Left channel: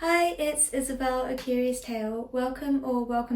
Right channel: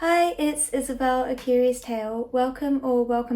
Hi, it's Isabel, A Curious Tale. Welcome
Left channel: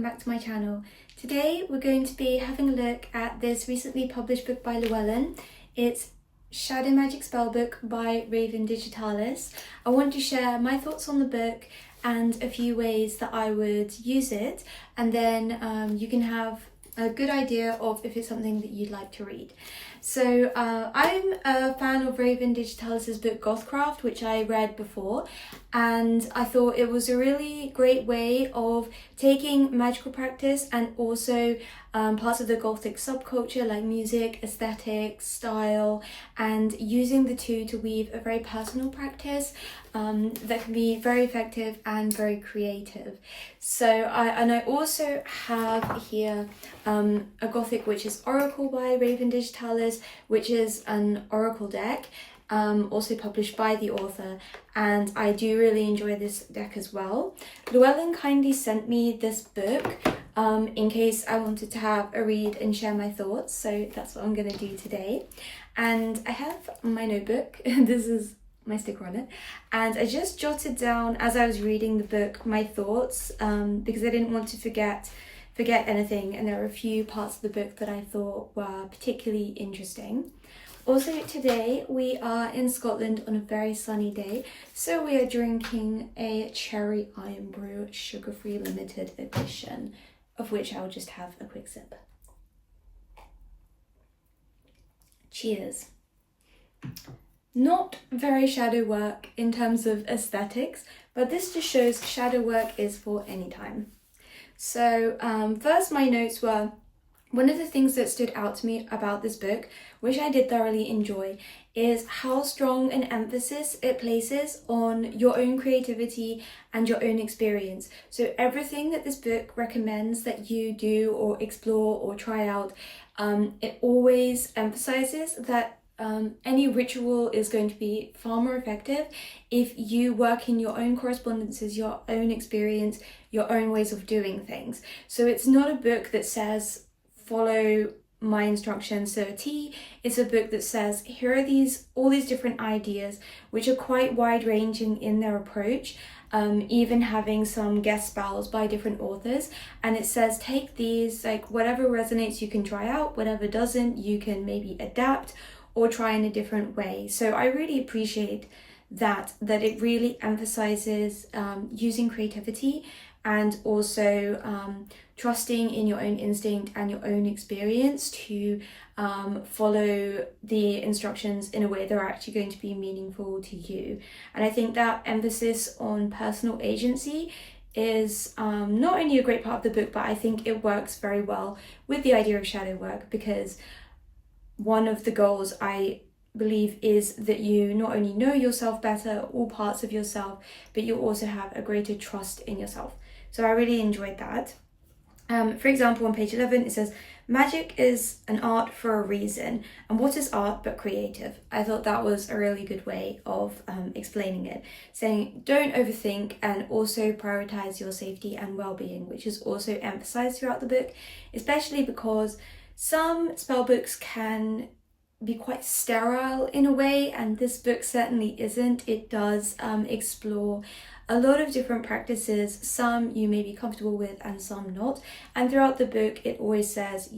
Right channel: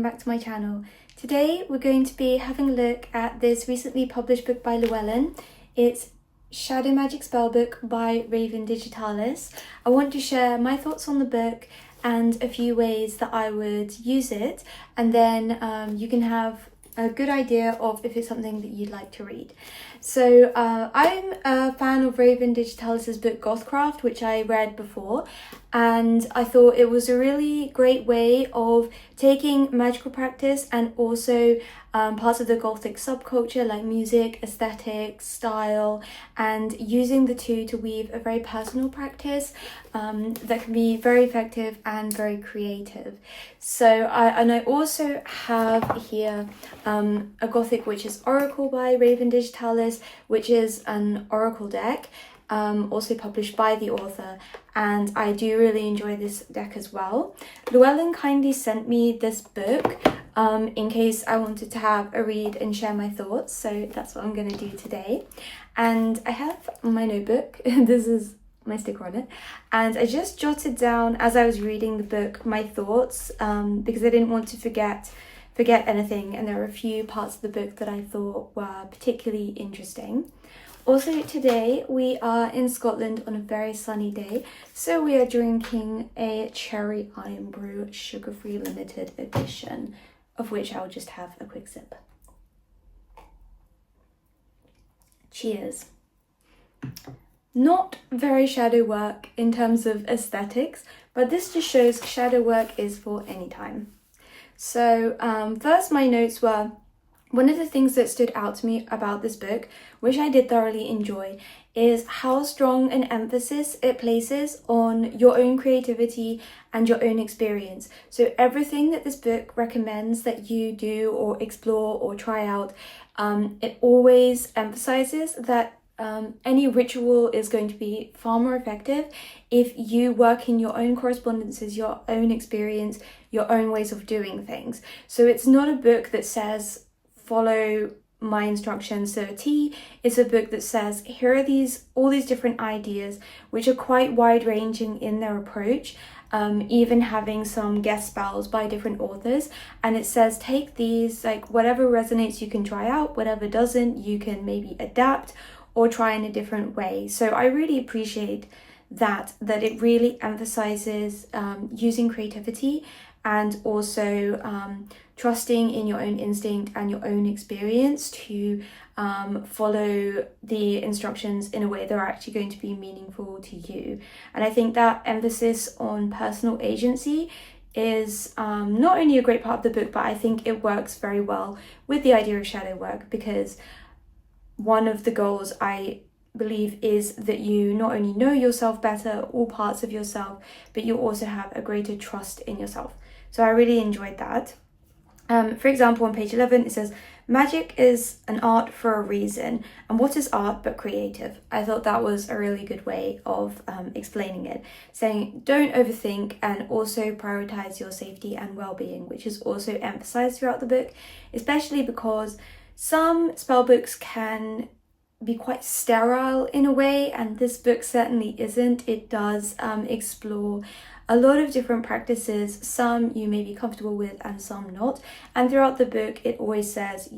back to my channel. Today we're going to be having a look at this recently published book by Llewellyn. It's Shadow Magick Spellbook by Raven Digitalis. I want to share my thoughts on the book and a few ways that I would use it, and then you can have a good idea of if it's something that you'd like to read. So I'm a fan of Raven Digitalis' book Gothcraft, which I read before, and I thought it was a really great way of taking magical practice and also parts of the Gothic subculture like music, aesthetics, style, and using the two to weave a very personal practice that can be very effective and very creative. So I also have here a Gothic Witch's Oracle by Raven Digitalis, which is an oracle deck, also published by the author, and I do really enjoy this deck as well. Llewellyn kindly sent me this book in case I wanted to have a read and share my thoughts, so that's what I'm going to do today. And I have my notebook, this is my sticker on it, and I just jotted down as I was reading the book my thoughts because I didn't want to forget anything, and there were a few parts of the book that I thought were particularly interesting. Also today we are in Scotland on a very sunny day, so we are drinking a cherry iron brew sugar-free limited edition, of which I'll just have a quick sip. Cheers. Not very shadow work in terms of aesthetics, but this just shows shadow work is for any time. So first my notes were, one of the things that stood out to me about this book, which I did thoroughly enjoy, is how strong an emphasis it places on your own creativity and your own experience. So everything that this book recommends that you do or explore or try out, it always emphasizes that any ritual is going to be far more effective if you work in your own correspondences, your own experience, your own ways of doing things. So it's not a book that says follow my instructions to a T. It's a book that says here are all these different ideas, which are quite wide-ranging in their approach, even having some guest spells by different authors, and it says take these, like whatever resonates you can try out, whatever doesn't you can maybe adapt or try in a different way. So I really appreciate that it really emphasizes using creativity and also trusting in your own instinct and your own experience to follow the instructions in a way that are actually going to be meaningful to you. And I think that emphasis on personal agency is not only a great part of the book, but I think it works very well with the idea of shadow work, because one of the goals I believe is that you not only know yourself better, all parts of yourself, but you also have a greater trust in yourself. So I really enjoyed that. For example, on page 11, it says, magic is an art for a reason. And what is art but creative? I thought that was a really good way of explaining it, saying don't overthink and also prioritize your safety and well-being, which is also emphasized throughout the book, especially because some spell books can be quite sterile in a way, and this book certainly isn't. It does explore a lot of different practices, some you may be comfortable with and some not, and throughout the book it always says,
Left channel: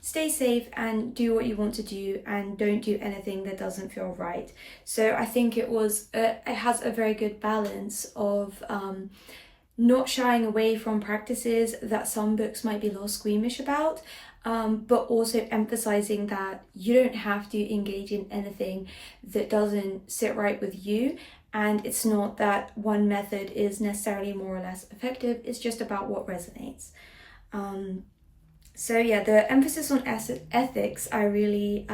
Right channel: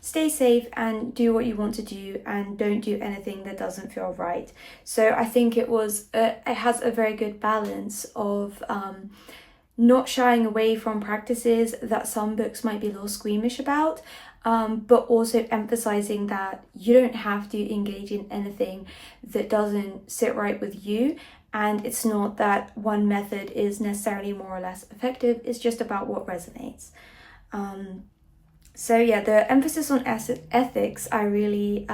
stay safe and do what you want to do and don't do anything that doesn't feel right. So I think it has a very good balance of not shying away from practices that some books might be a little squeamish about, but also emphasizing that you don't have to engage in anything that doesn't sit right with you. And it's not that one method is necessarily more or less effective, it's just about what resonates. So yeah, the emphasis on ethics I really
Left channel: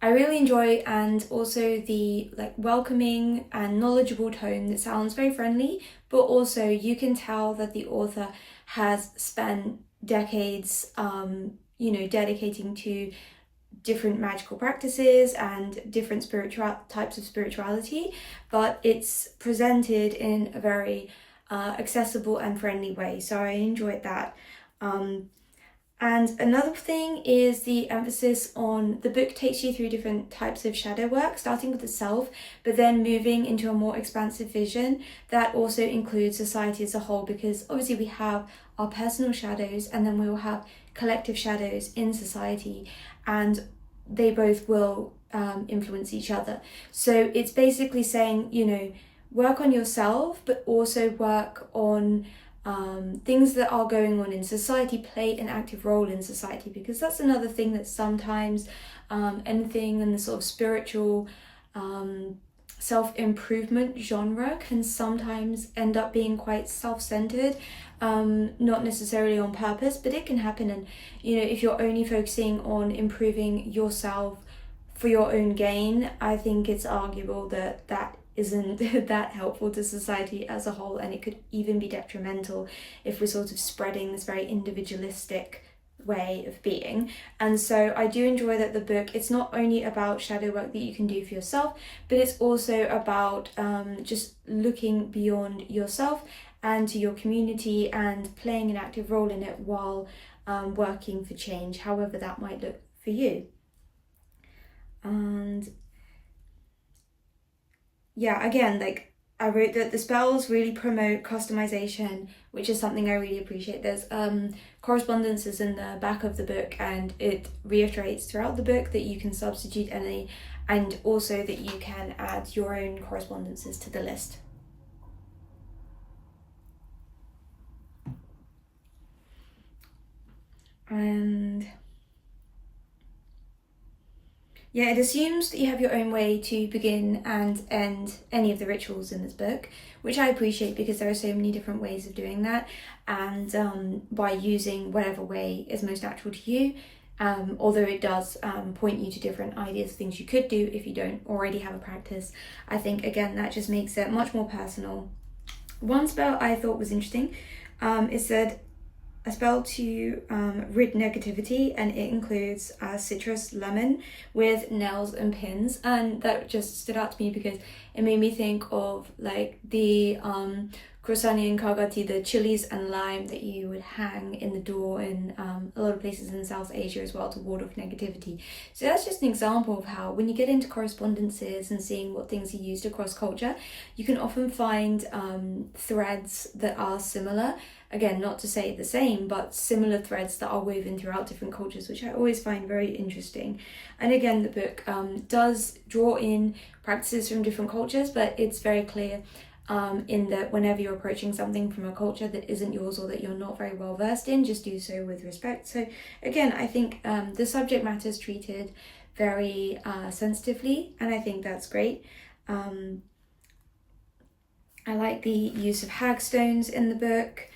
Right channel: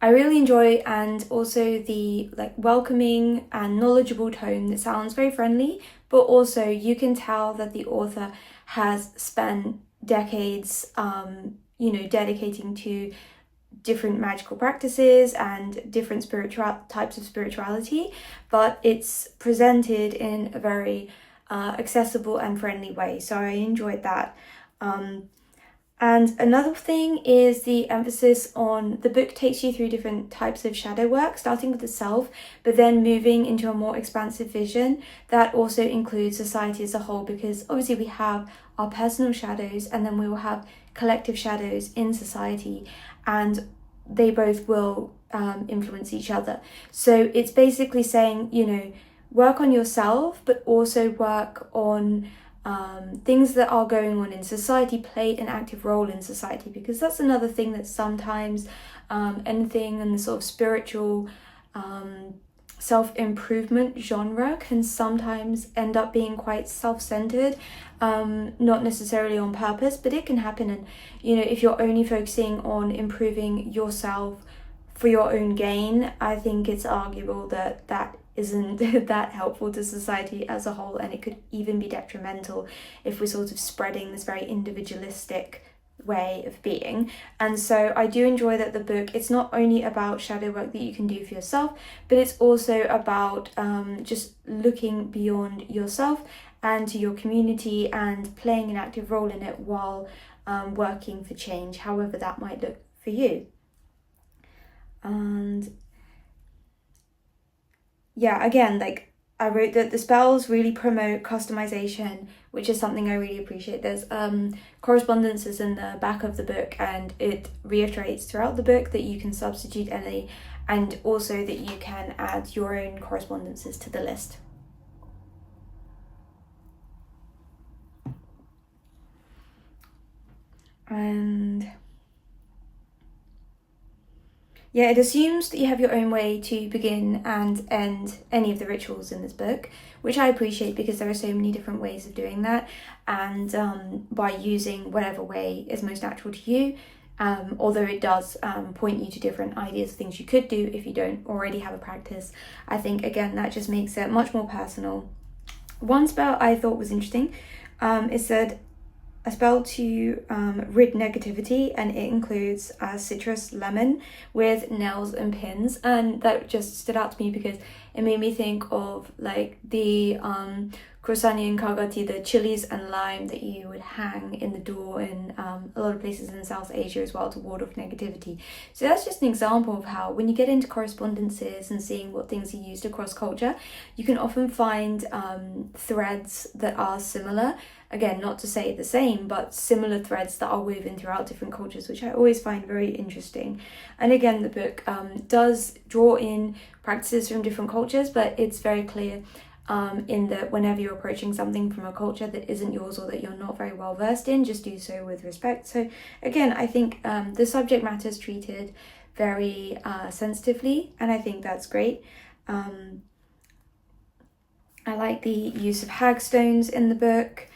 enjoy, and also the welcoming and knowledgeable tone that sounds very friendly, but also you can tell that the author has spent decades dedicating to different magical practices and different types of spirituality, but it's presented in a very accessible and friendly way. So I enjoyed that. And another thing is the emphasis on the book takes you through different types of shadow work, starting with the self, but then moving into a more expansive vision that also includes society as a whole, because obviously we have our personal shadows and then we will have collective shadows in society, and they both will influence each other. So it's basically saying, you know, work on yourself, but also work on things that are going on in society, play an active role in society, because that's another thing that sometimes anything in the sort of spiritual self-improvement genre can sometimes end up being quite self-centered, not necessarily on purpose, but it can happen. And you know, if you're only focusing on improving yourself for your own gain, I think it's arguable that that isn't that helpful to society as a whole, and it could even be detrimental if we're sort of spreading this very individualistic way of being. And so I do enjoy that the book, it's not only about shadow work that you can do for yourself, but it's also about just looking beyond yourself and to your community and playing an active role in it while working for change, however that might look for you. And yeah, again, like I wrote that the spells really promote customization, which is something I really appreciate. There's correspondences in the back of the book, and it reiterates throughout the book that you can substitute any, and also that you can add your own correspondences to the list. And yeah, it assumes that you have your own way to begin and end any of the rituals in this book, which I appreciate because there are so many different ways of doing that, and by using whatever way is most natural to you, although it does point you to different ideas of things you could do if you don't already have a practice. I think, again, that just makes it much more personal. One spell I thought was interesting is that a spell to rid negativity, and it includes citrus lemon with nails and pins, and that just stood out to me because it made me think of like the Crosani and Kagati, the chilies and lime that you would hang in the door in a lot of places in South Asia as well to ward off negativity. So that's just an example of how when you get into correspondences and seeing what things are used across culture, you can often find threads that are similar. Again, not to say the same, but similar threads that are woven throughout different cultures, which I always find very interesting. And again, the book does draw in practices from different cultures, but it's very clear in that whenever you're approaching something from a culture that isn't yours or that you're not very well versed in, just do so with respect. So again, I think the subject matter is treated very sensitively, and I think that's great. I like the use of hagstones in the book.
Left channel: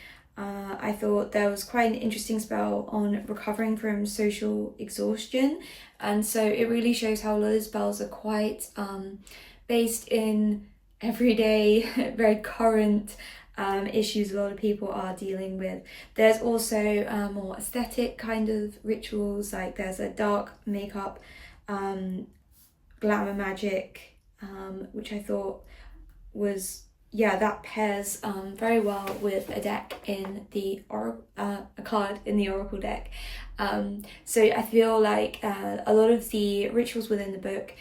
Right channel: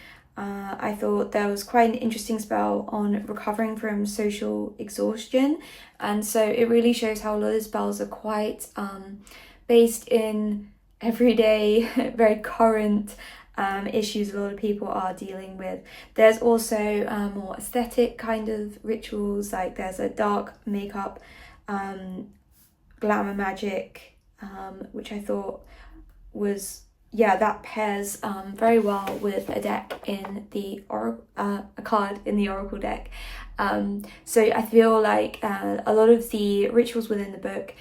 I thought there was quite an interesting spell on recovering from social exhaustion, and so it really shows how a lot of spells are quite based in everyday, very current issues a lot of people are dealing with. There's also more aesthetic kind of rituals, like there's a dark makeup glamour magic, which I thought was, yeah, that pairs very well with a deck in the a card in the Oracle deck. So I feel like a lot of the rituals within the book,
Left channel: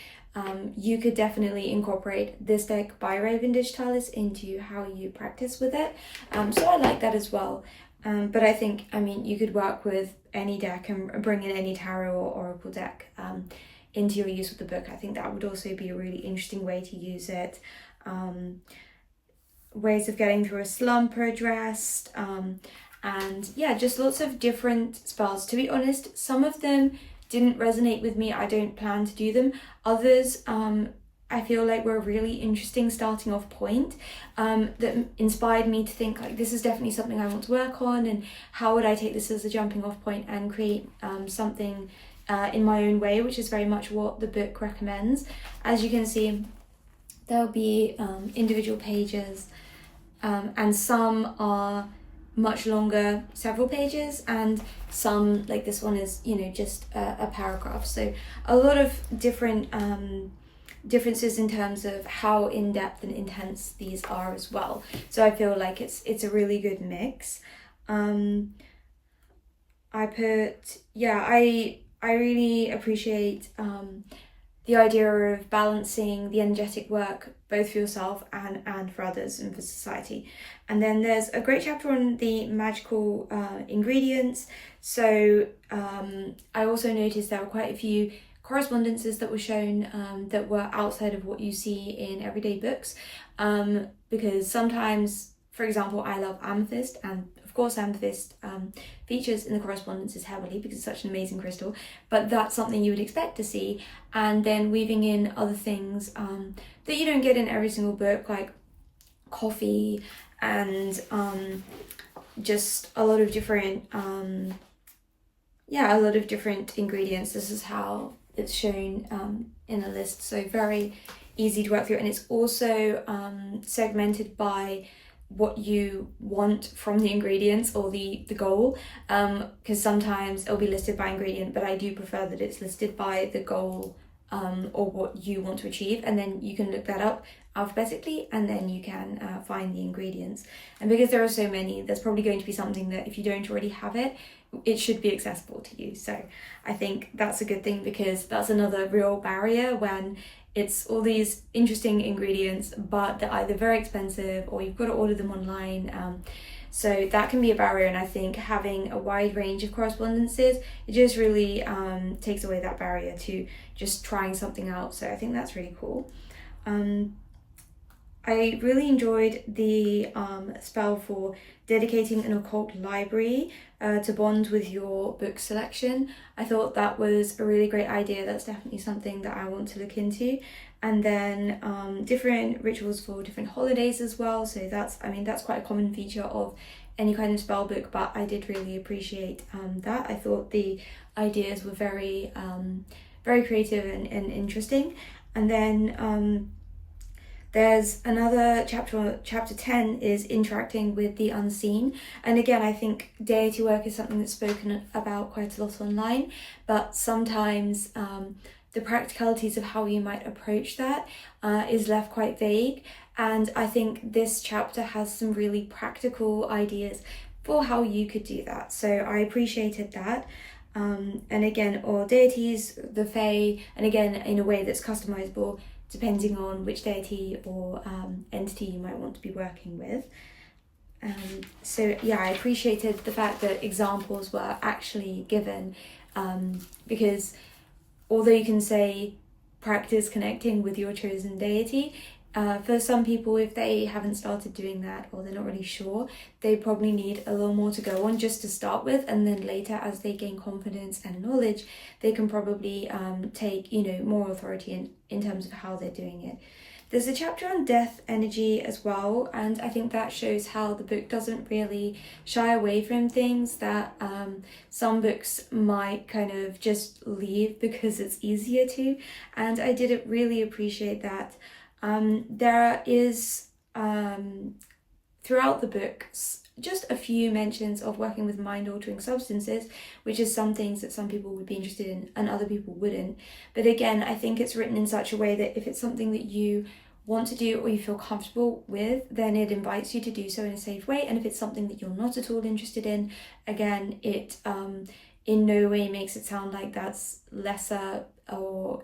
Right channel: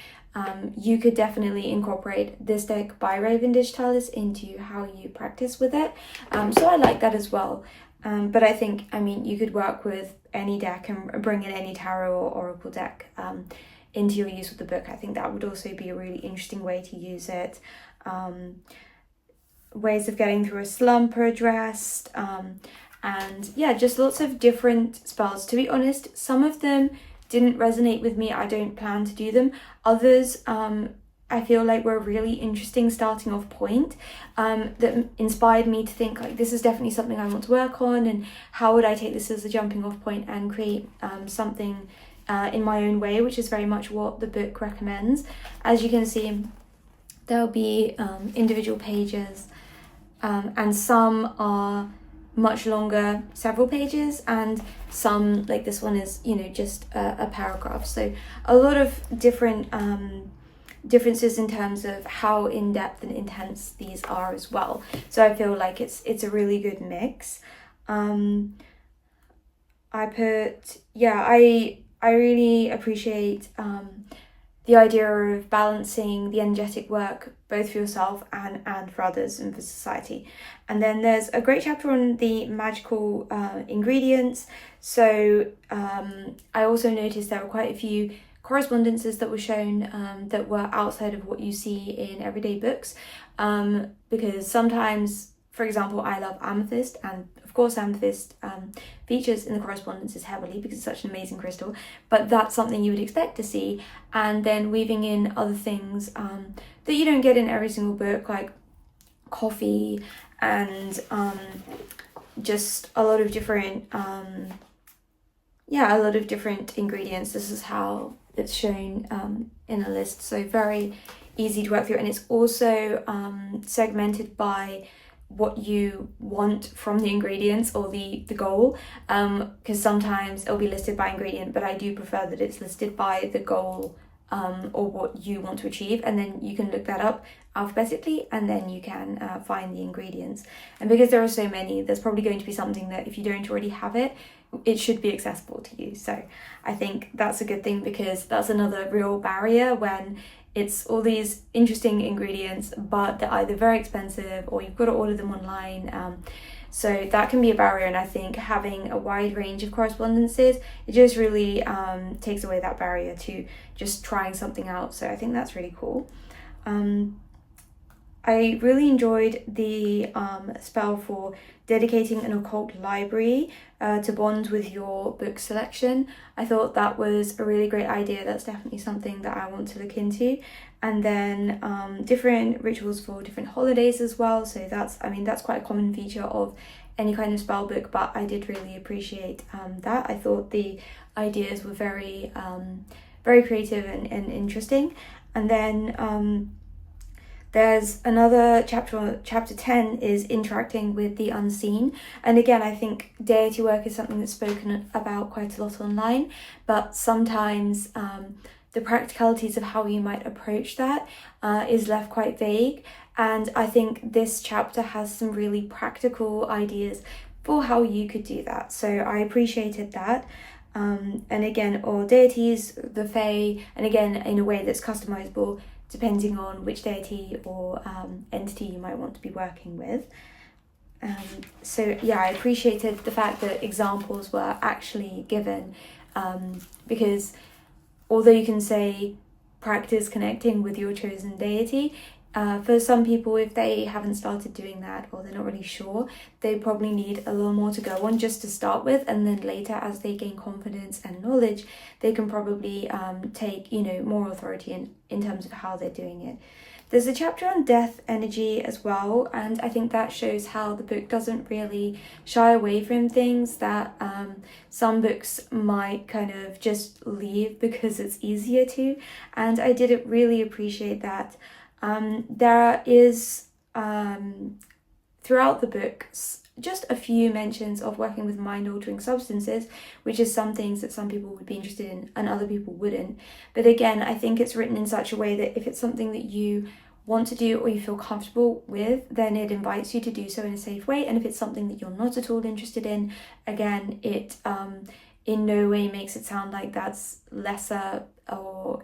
you could definitely incorporate this deck by Raven Digitalis into how you practice with it. So I like that as well. But I think, I mean, you could work with any deck and bring in any tarot or Oracle deck into your use with the book. I think that would also be a really interesting way to use it. Ways of getting through a slump are addressed, and yeah, just lots of different spells. To be honest, some of them didn't resonate with me. I don't plan to do them. Others I feel like were a really interesting starting off point that inspired me to think like, this is definitely something I want to work on, and how would I take this as a jumping off point and create something in my own way, which is very much what the book recommends. As you can see, there'll be individual pages, and some are much longer, several pages, and some, like this one, is, you know, just a paragraph. So a lot of different differences in terms of how in-depth and intense these are as well. So I feel like it's a really good mix. I put, yeah, I really appreciate the idea of balancing the energetic work both for yourself and for others and for society. And then there's a great chapter on the magical ingredients. So I also noticed there were quite a few correspondences that were shown that were outside of what you see in everyday books, because sometimes, for example, I love amethyst, and of course amethyst features in the correspondences heavily because it's such an amazing crystal, but that's something you would expect to see. And then weaving in other things that you don't get in every single book, like coffee and just a lot of different a lot of different ingredients. This is how it's shown in a list, so very easy to work through. And it's also segmented by what you want from the ingredients or the goal, because sometimes it'll be listed by ingredient, but I do prefer that it's listed by the goal or what you want to achieve, and then you can look that up alphabetically and then you can find the ingredients. And because there are so many, there's probably going to be something that if you don't already have it, it should be accessible to you. So I think that's a good thing, because that's another real barrier when it's all these interesting ingredients but they're either very expensive or you've got to order them online, so that can be a barrier. And I think having a wide range of correspondences, it just really takes away that barrier to just trying something out. So I think that's really cool. I really enjoyed the spell for dedicating an occult library to bond with your book selection. I thought that was a really great idea. That's definitely something that I want to look into. And then different rituals for different holidays as well. So that's quite a common feature of any kind of spell book, but I did really appreciate that. I thought the ideas were very creative and interesting. And then there's another chapter 10 is interacting with the unseen. And again, I think deity work is something that's spoken about quite a lot online, but sometimes the practicalities of how you might approach that is left quite vague. And I think this chapter has some really practical ideas for how you could do that. So I appreciated that. And again, or deities, the Fae, and again, in a way that's customizable depending on which deity or entity you might want to be working with. So yeah, I appreciated the fact that examples were actually given, because although you can say practice connecting with your chosen deity, for some people, if they haven't started doing that or they're not really sure, they probably need a little more to go on just to start with, and then later as they gain confidence and knowledge, they can probably take more authority in terms of how they're doing it. There's a chapter on death energy as well, and I think that shows how the book doesn't really shy away from things that some books might kind of just leave because it's easier to, and I did really appreciate that. There is throughout the books just a few mentions of working with mind-altering substances, which is some things that some people would be interested in and other people wouldn't. But again, I think it's written in such a way that if it's something that you want to do or you feel comfortable with, then it invites you to do so in a safe way. And if it's something that you're not at all interested in, again, it in no way makes it sound like that's lesser, or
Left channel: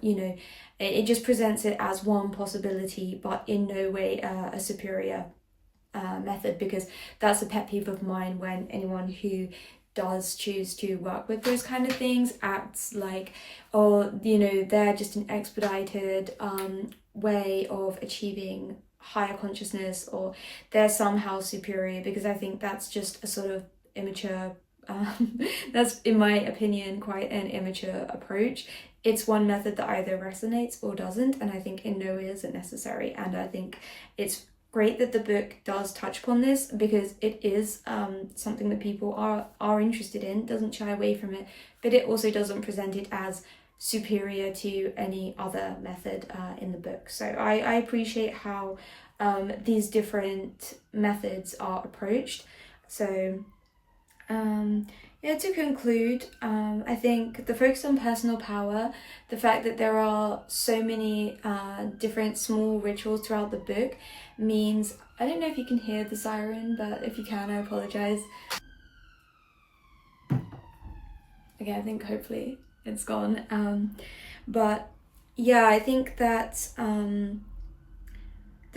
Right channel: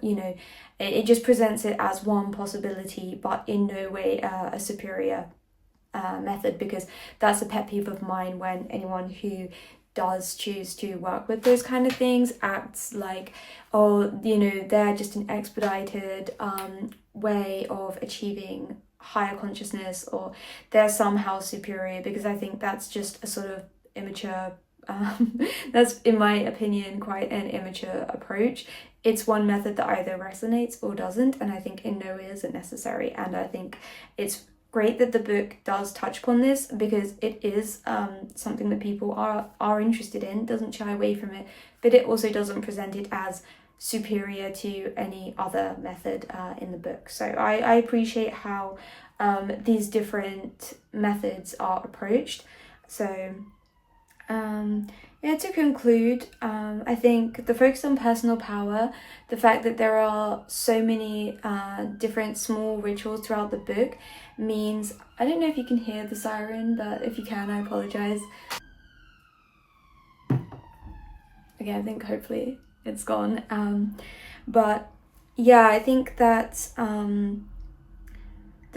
it just presents it as one possibility, but in no way a superior method, because that's a pet peeve of mine when anyone who does choose to work with those kind of things acts like, they're just an expedited way of achieving higher consciousness, or they're somehow superior, because I think that's just a sort of immature that's, in my opinion, quite an immature approach. It's one method that either resonates or doesn't, and I think in no way is it necessary. And I think it's great that the book does touch upon this, because it is something that people are interested in, doesn't shy away from it, but it also doesn't present it as superior to any other method in the book. So I appreciate how these different methods are approached. So to conclude, I think the focus on personal power, the fact that there are so many different small rituals throughout the book, means, I don't know if you can hear the siren, but if you can, I apologize. again, I think hopefully it's gone. But yeah, I think that the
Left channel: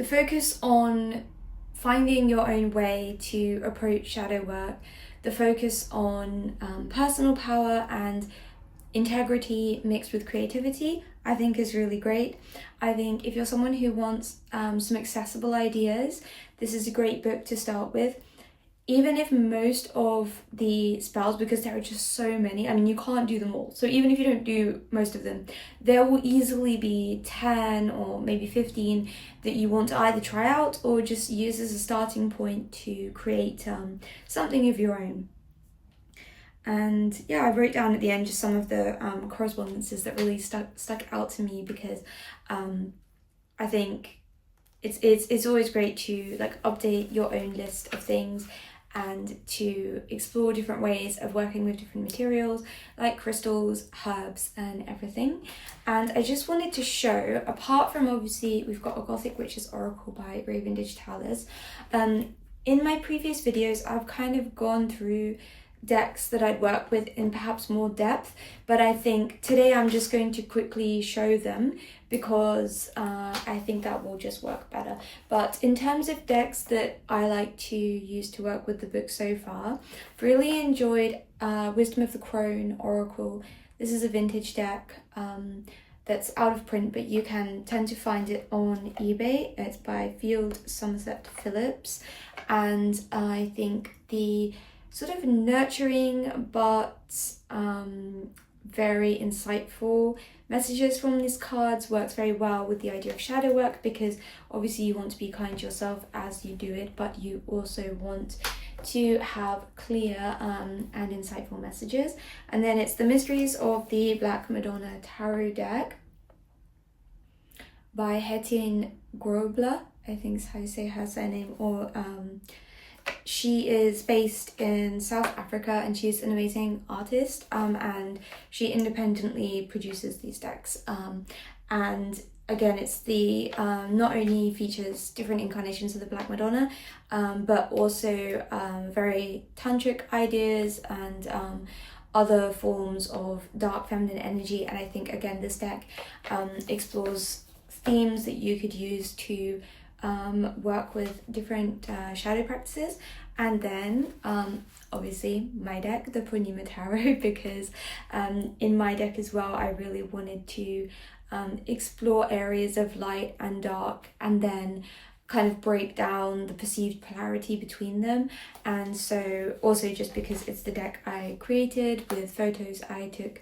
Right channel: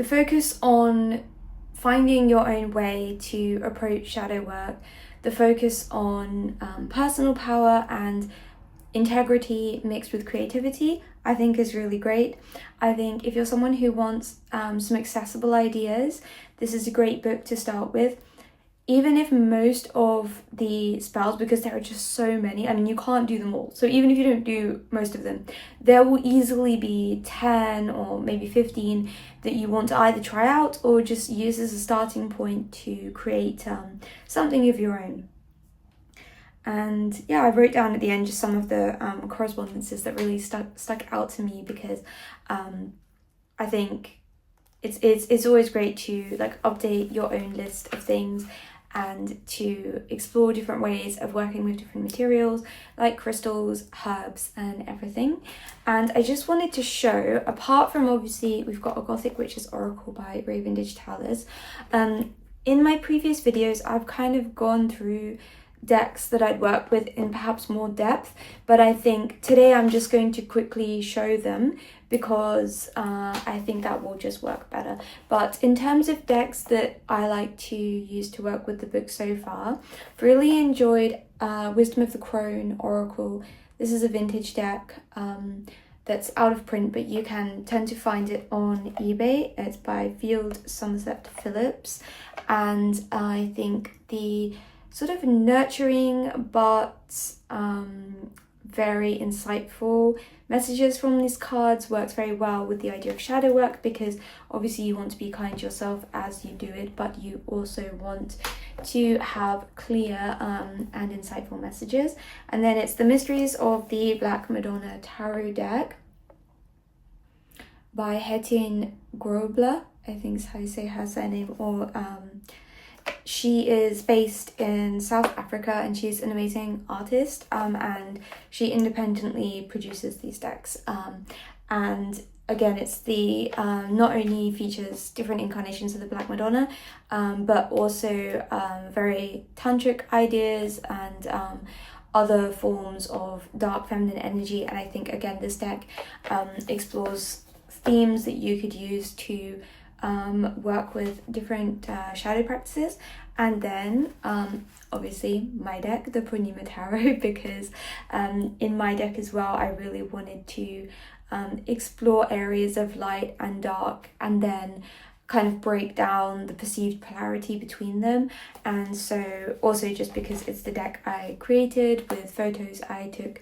focus on finding your own way to approach shadow work, the focus on personal power and integrity mixed with creativity, I think is really great. I think if you're someone who wants some accessible ideas, this is a great book to start with. Even if most of the spells, because there are just so many, I mean, you can't do them all. So even if you don't do most of them, there will easily be 10 or maybe 15 that you want to either try out or just use as a starting point to create something of your own. And yeah, I wrote down at the end just some of the correspondences that really stuck out to me, because I think it's always great to like update your own list of things and to explore different ways of working with different materials like crystals, herbs and everything. And I just wanted to show, apart from obviously we've got a Gothic Witch's Oracle by Raven Digitalis, in my previous videos I've kind of gone through decks that I'd worked with in perhaps more depth, but I think today I'm just going to quickly show them because I think that will just work better. But in terms of decks that I like to use to work with the book so far, I've really enjoyed Wisdom of the Crone Oracle. This is a vintage deck that's out of print, but you can tend to find it on eBay. It's by Field Somerset Phillips, and I think the sort of nurturing but very insightful messages from these cards works very well with the idea of shadow work, because obviously you want to be kind to yourself as you do it, but you also want to have clear and insightful messages. And then it's the Mysteries of the Black Madonna Tarot deck by Hettin Grobler, I think is how you say her surname, or she is based in South Africa and she's an amazing artist, and she independently produces these decks. And again, it's the not only features different incarnations of the Black Madonna, but also very tantric ideas and other forms of dark feminine energy. And I think again this deck explores themes that you could use to work with different shadow practices. And then obviously my deck, the Purnima Tarot, because in my deck as well I really wanted to explore areas of light and dark and then kind of break down the perceived polarity between them. And so also just because it's the deck I created with photos I took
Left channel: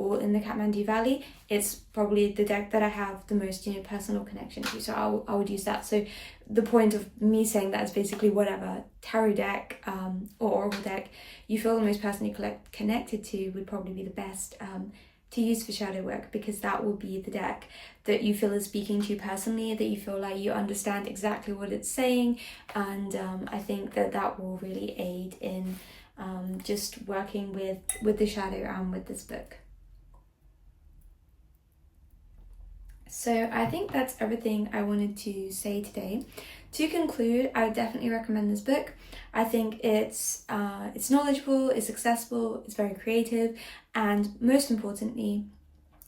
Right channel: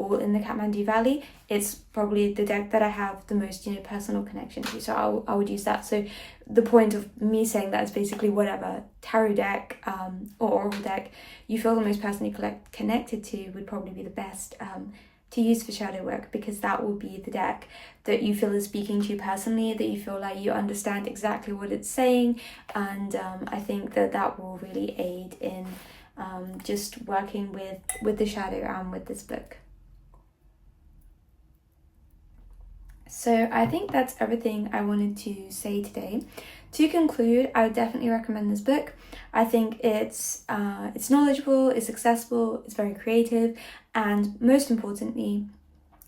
all in the Kathmandu Valley, it's probably the deck that I have the most personal connection to, so I would use that. So the point of me saying that is basically whatever tarot deck or oracle deck you feel the most personally connected to would probably be the best to use for shadow work, because that will be the deck that you feel is speaking to you personally, that you feel like you understand exactly what it's saying. And I think that will really aid in just working with the shadow and with this book. So I think that's everything I wanted to say today. To conclude, I would definitely recommend this book. I think it's knowledgeable, it's accessible, it's very creative, and most importantly,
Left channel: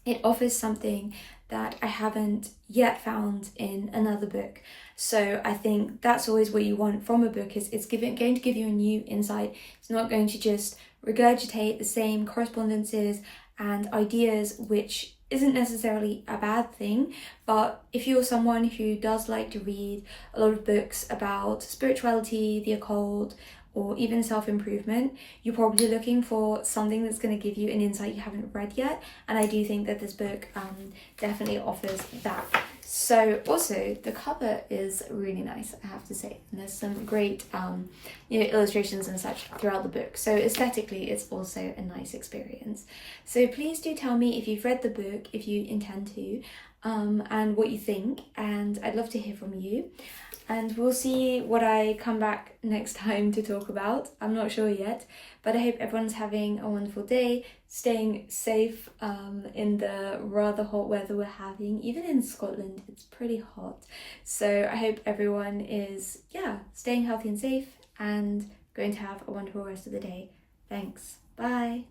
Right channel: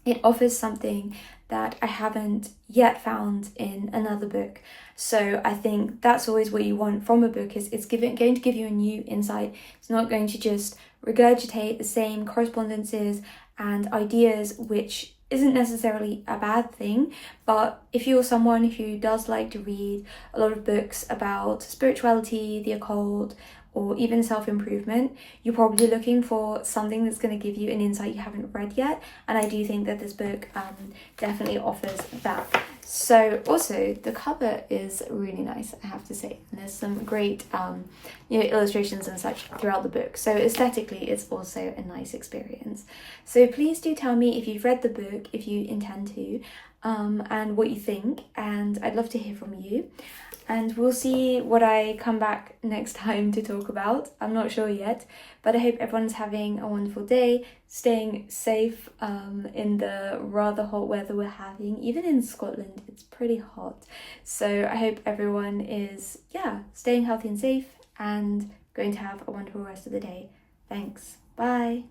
it offers something that I haven't yet found in another book. So I think that's always what you want from a book, is it's going to give you a new insight. It's not going to just regurgitate the same correspondences and ideas, which isn't necessarily a bad thing. But if you're someone who does like to read a lot of books about spirituality, the occult, or even self-improvement, you're probably looking for something that's going to give you an insight you haven't read yet, and I do think that this book definitely offers that. So also the cover is really nice, I have to say, and there's some great illustrations and such throughout the book, so aesthetically it's also a nice experience. So please do tell me if you've read the book, if you intend to, and what you think, and I'd love to hear from you. And we'll see what I come back next time to talk about. I'm not sure yet, but I hope everyone's having a wonderful day, staying safe in the rather hot weather we're having. Even in Scotland, it's pretty hot. So I hope everyone is, staying healthy and safe and going to have a wonderful rest of the day. Thanks. Bye.